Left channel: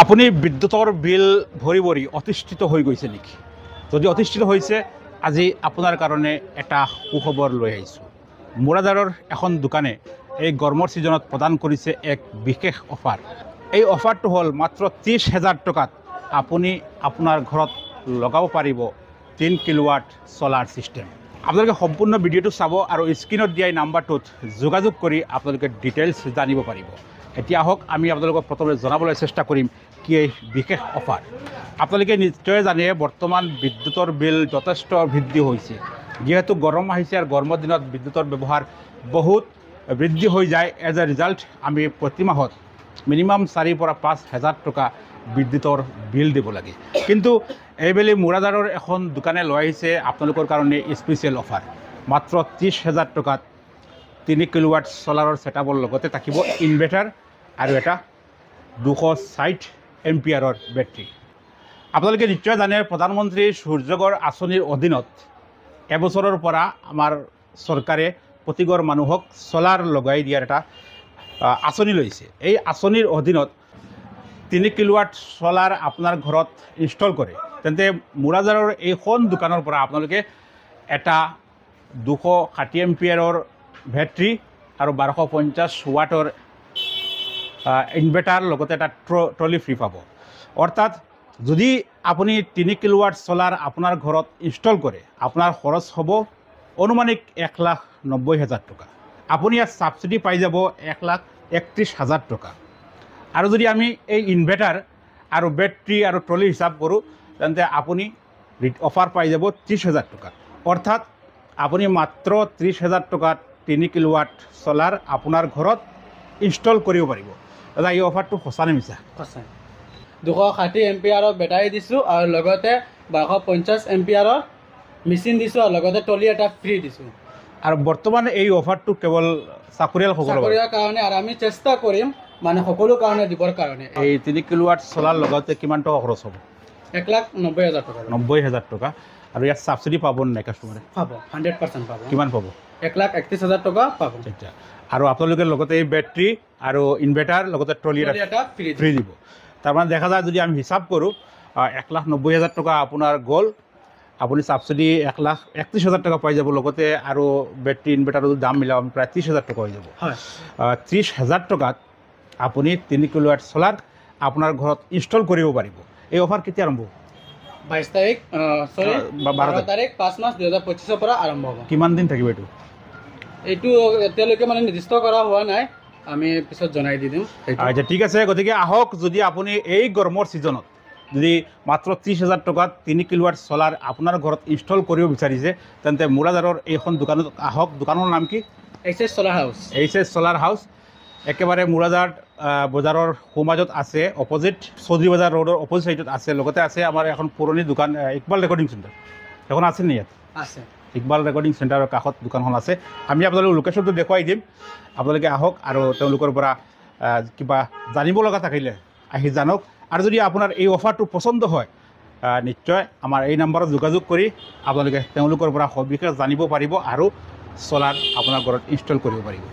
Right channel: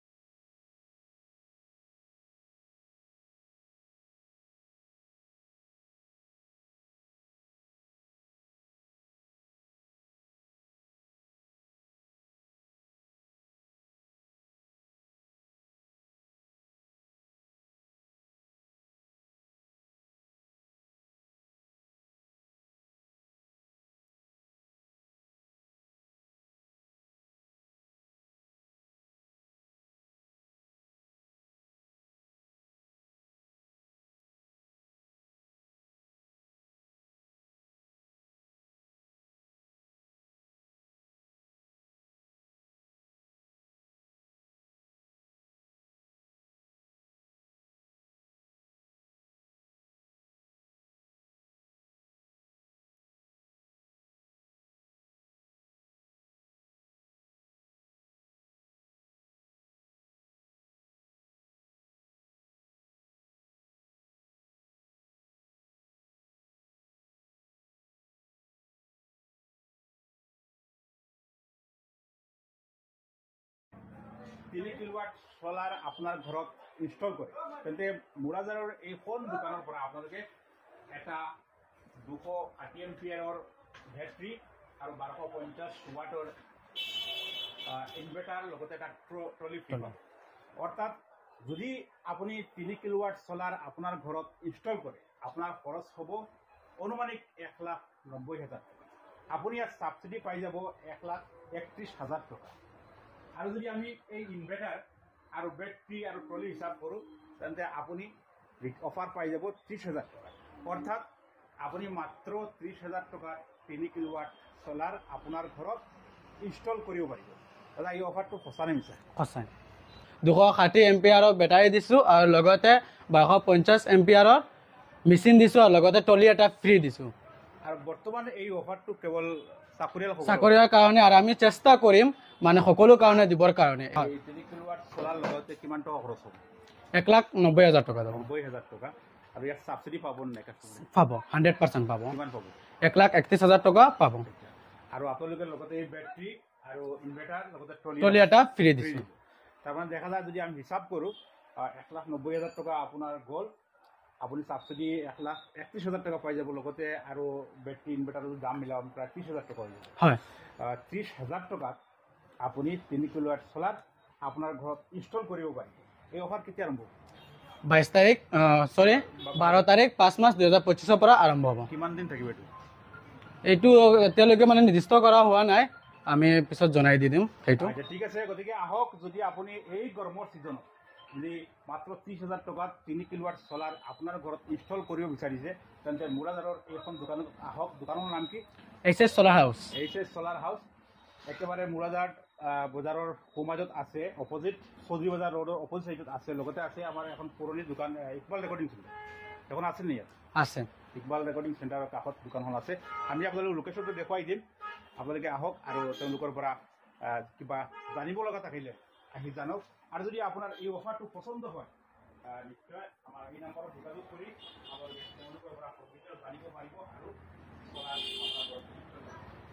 আপুনি বিদ্যুতৰ বিল ভৰি ভৰি অতিষ্ঠিত হৈ গৈছে নেকি? যদি অতিষ্ঠিত হৈছে, আজি আপোনাৰ কাৰণে এটা সুখবৰ লৈ আহিছোঁ। মুৰাদাৰৰ এখন দোকানে এই গৰমৰ ছিজনত প্ৰদান কৰিছে এক বিশেষ অফাৰ। এই অফাৰটো হ'ল মাত্ৰ 30,000 টকাত আপুনি আপোনাৰ ঘৰত লগাব পাৰিব 3 কিলোৱাট ছলাৰ ছিষ্টেম। আপোনালোকে সম্পূৰ্ণ ভিডিঅ'টো চাব আৰু স্ক্ৰীনত দিয়া নাম্বাৰটোত যোগাযোগ কৰি আপোনালোকে ডিটেইলছ জানিব পাৰিব। এতিয়া আহক আমি আপোনালোকক প্ৰথমে জনাবলৈ চেষ্টা কৰিম কি এই বিশেষ অফাৰ। আপোনালোকে নিশ্চয় জানে বৰ্তমান বিদ্যুতৰ বিল যথেষ্ট বৃদ্ধি হৈছে। যিহেতু গৰম আহিছে আৰু গৰমৰ দিনত বিদ্যুতৰ ব্যৱহাৰ বহুত বৃদ্ধি হৈ যায়। এজ এ ৰিজাল্ট আমি প্ৰতি মাহত মিনিমাম 4,000 পৰা 5,000 টকা বিদ্যুতৰ বিল দিব লাগে। কিন্তু এইবেলি মুৰাদাৰৰ এখন দোকানে লৈ আহিছে আপোনালোকৰ কাৰণে স্পেচিয়েল অফাৰ। মাত্ৰ 30,000 টকাত 3 কিলোৱাট ছলাৰৰ ছেটআপৰ লগতে থাকিব ইনভাৰ্টাৰ আৰু এটা 260 এম্পিয়াৰৰ বেটাৰী। আপোনালোকে নিশ্চয় জানে প্ৰধানমন্ত্ৰী সূৰ্যঘৰ আঁচনিৰ অধীনত এবছৰৰ পৰা আমাৰ চৰকাৰে প্ৰতিঘৰ মানুহক ছলাৰ লগাই দিয়াৰ এটা আঁচনি লৈছে। এই আঁচনিৰ অধীনত 3 কিলোৱাট ছলাৰ আপোনাৰ ঘৰত ইনষ্টল কৰে তেন্তে মুৰাদাৰৰ এইখন দোকানৰ পৰা আপোনালোকে এটা 260 এম্পিয়াৰৰ বেটাৰী আৰু 1250 ৱাটৰ ইনভাৰ্টাৰ লগতে এটা ট্ৰলি ফ্ৰী পাব। অৰ্থাৎ যদি আপুনি 3 কিলোৱাট ছলাৰ আপোনাৰ ঘৰত ইনষ্টল কৰে আপোনাৰ খৰচ হ'ব অনুমানিক 1,90,000 টকা। আপুনি ইয়াত ছাবচিডি পাই যাব 1,31,000 টকা। আৰু যদি আমি এই ইনভাৰ্টাৰ আৰু বেটাৰী আৰু ট্ৰলি হিচাপ কৰোঁ তেন্তে আপুনি অফাৰ পাই যাব 30,000 টকা। অৰ্থাৎ আপুনি মাত্ৰ 30,000 টকাত 3 কিলোৱাট ছলাৰ আপোনাৰ ঘৰত ইনষ্টল কৰিব পাৰিব। দাদা এই অফাৰটো সঁচা নে মিছা? সঁচা। 260 এম্পিয়াৰৰ বেটাৰী দিছোঁ আৰু লগতে 1250 এম্পিয়াৰৰ মেচিন দিছোঁ আৰু লগতে ট্ৰলি এটা ফ্ৰী দিছোঁ। আৰু বৰ্তমান এই অফাৰটো কেৱল চাকৰিয়াৰ কাৰণে আৰু আমি চেষ্টা কৰিম মানে সকলো কাৰণে দিবৰ কাৰণে। এই 3 কিলোৱাট ছলাৰ লগতে কিমান টকা খৰচ হ'ব? 1,90,000 টকা। 90,000 টকা। আৰু ইয়াত ছাবচিডি পাব নাই কাষ্টমাৰে? পাব, 100% পাব। কিমান পাব? 1,31,000 টকা পাব। আচ্ছা। আৰু আপোনালোকে লগতে এই বেটাৰী আৰু ইনভাৰ্টাৰ লগতে ট্ৰলি এটা ফ্ৰী দিব। তাৰমানে দেখা যায় যদি আমি হিচাপ কৰোঁ 1,90,000 টকা আপোনাৰ গ'ল, আপুনি ছাবচিডি 1,31,000 টকা পাই যাব। লগতে আৰু বেটাৰী ইনভাৰ্টাৰৰ দাম মিলাব প্ৰায় 30,000 টকা হৈ যাব। 30,000 টকাত আপুনি 3 কিলোৱাট ছলাৰ আপোনাৰ ঘৰত ইনষ্টল কৰিব পাৰিব। এই অফাৰ কেতিয়া আৰম্ভ হ'ব? 12 তাৰিখ 5 মাৰ্চ 2025 পৰা আৰম্ভ হ'ব। কিমান দিন থাকিব এইটো? এইটো এতিয়ালৈকে মানে নিৰ্দিষ্ট কৰা হোৱা নাই, আমি পিছত জনাই দি দিম। আচ্ছা ঠিক আছে। গতিকে আহক, যদি আপুনি এই গৰমৰ ছিজনত যদি মাত্ৰ 30,000 টকাত 3 কিলোৱাট ছলাৰ আপোনাৰ ঘৰত ইনষ্টল কৰিব বিচাৰিছে তেন্তে মুৰাদাৰৰ এইখন দোকানত আহক। দোকানৰ নাম কি? HS solar house. HS solar house একেবাৰে মুৰাদাৰ বজাৰৰ সোঁমাজত আছে, অপজিট চৌধুৰী বজাৰ ৰোডৰ অপজিট চাইডত আছে। লগতে আছে আমাৰ এখন পুৰণি দোকান ইকবাল ৰেকৰ্ডিং চেণ্টাৰ, এখন আছে নি ইয়াত? আছে। ইকবাল ৰেকৰ্ডিং চেণ্টাৰৰ কাষত দোকানখন আছে। আমি আপোনালোকক লোকেশ্যনটো দেখুৱাই দিম। আপোনালোকে আহক আৰু তেওঁলোকৰ পৰা কিবা জানিব লগা থাকিলে আহি জানক। আৰু যদি আপোনাৰ এই অফাৰটো পচন্দ হয় নিশ্চয় আমাৰ এই নম্বৰত যোগাযোগ কৰি আপোনালোকে তেওঁলোকৰ পৰা সবিশেষ জানিব পাৰিব আৰু ছলাৰ আপোনাৰ ঘৰত ইনষ্টল কৰিব পাৰিব।